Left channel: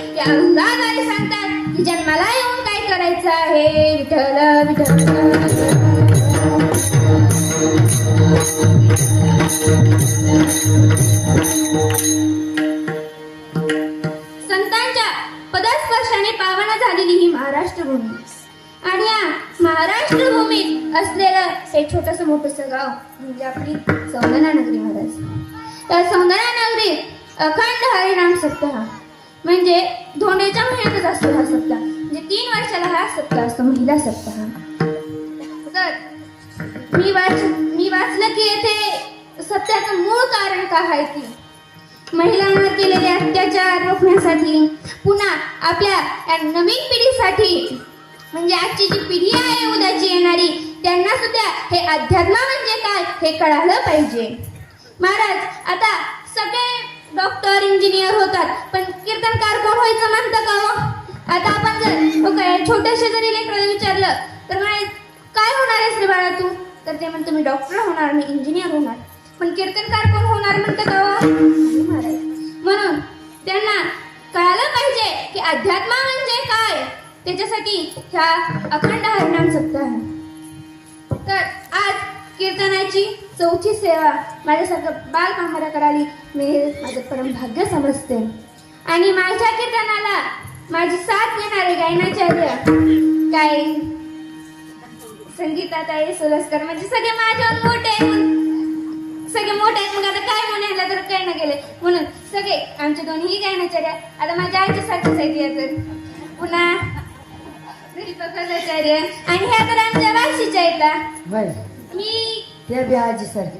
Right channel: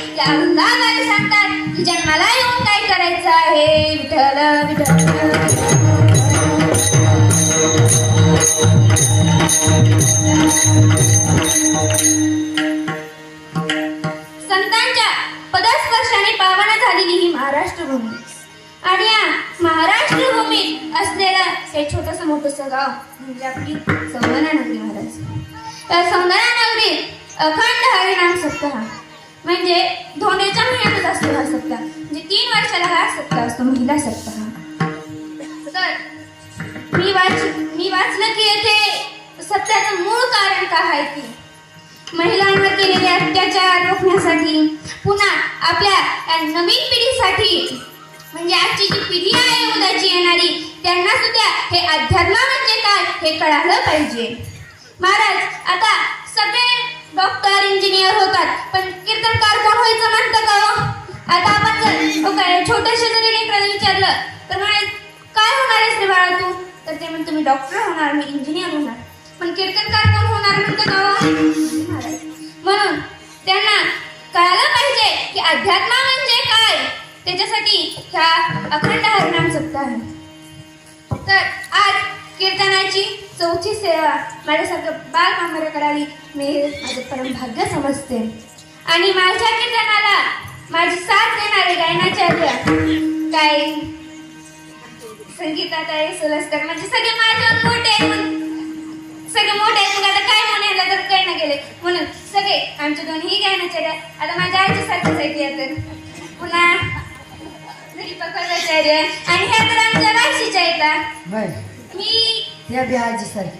ते अभंगाद्वारे सांगतात की जन्माला येऊन काय करायचं आहे. विठ्ठल विठ्ठल. संतांच्या पदस्पर्शाने पावन झालेली ही महाराष्ट्र भूमी आणि या महाराष्ट्र भूमीत असलेलं हे छोटस मोठस गाव म्हणजे आपली सौंदर्या नगरी महाराज. या सौंदर्या नगरीत अखंड हरिनाम सप्ताह म्हणजे धोंड्याच्या महिन्यातच असतो हा सप्ताह. म्हणजे 3 वर्षाला हा सप्ताह असतो, महिला सप्ताह. तर मी वाचलं की येथे सत्याचं मूळ कारण काय आहे की महिलांवर केलेले अत्याचार रोखण्यासाठी, पुन्हा आपल्या या नवीन पिढीसाठी म्हणजे आजची जी पिढी आहे उद्याची येणारी त्यांना सुद्धा हे अध्यात्म म्हणजे काय हे कळालं पाहिजे. महाराज आता सगळे डॉक्टर इंजिनियर होतात पण कीर्तनकार कोण व्हायचं म्हणतं का हो? आता आपण जर छोट्याशा जरी लेकराला विचारलं तर म्हणे काय होणार आहेस रे बाळा तू, तर ते म्हणतो मी डॉक्टर होणार, मी इंजिनियर होणार. पण कीर्तनकार कोण होणार म्हणतं का हो? म्हणून त्यांना कळायला पाहिजे की अध्यात्म म्हणजे काय. त्याच्यासाठी ह्या अखंड हरिनाम सप्ताह आहे. तर आज कीर्तनाची 4थी सेवा माझ्यासारखं बाल कामगार करावी मी माझं परम भाग्य समजते. आणि माझ्या कीर्तनाला माझी साथ देणारे गायनाचार्य काय संगीतात आहे सुलस्कर म्हणजे सगळे माझ्यावर मोठे आहेत. सगळे मोठे आहेत. मग आता काय म्हणायला तर काही ना गेले म्हणून सगळे आमचे दोन्ही गायनाचार्य आता माझ्या आईच्या सारखेच आहेत. पुन्हा पकडाचार्य आणि ह्या तर आमच्या वाशीच्या येतात. मी त्या बी आजी सारखी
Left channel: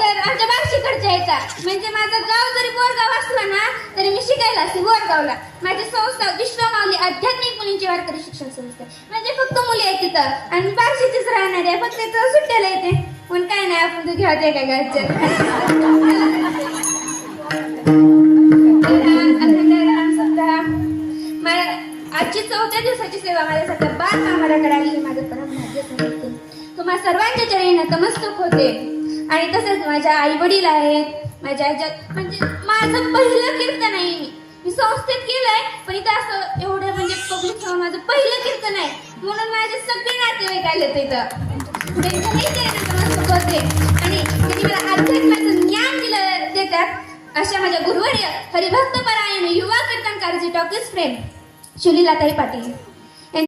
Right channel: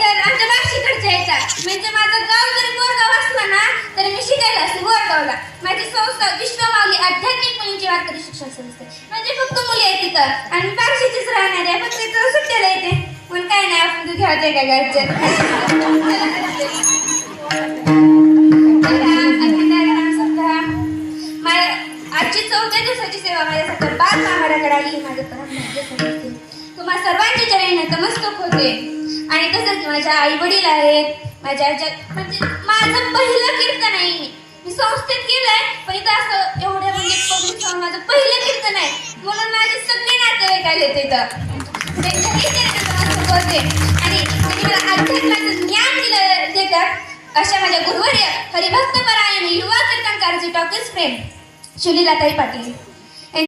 तर आमच्या बार्शीकडच्या येतात. म्हणजे माझं गाव जरी बोरगाव असलं ना तरी मी शिकायला असते बोरगावला. माझी संस्था विश्वमाऊली आध्यात्मिक मुलींची वारकरी शिक्षण संस्था म्हणजे फक्त मुली आहेत तिथं आणि बार्शीचीच राहणार आहे. फक्त तिथं सुट्ट्याला येते पण काय नाही आपण तू घ्यायचंय काय घरच्या आजची 4थ्या दिवसाची सेवा माझ्यासाठी बाल कामगार करावी माझं परम तुम्हा सर्वांच्या चरणी नतमस्तक होते. आणि तसंच माझ्या आई वडील आहेत माझ्या म्हणजे माझं पहिलं कीर्तन आहे. मी संस्थेत केलंय पण इथं असं एवढ्या म्हणजे माझं पहिलं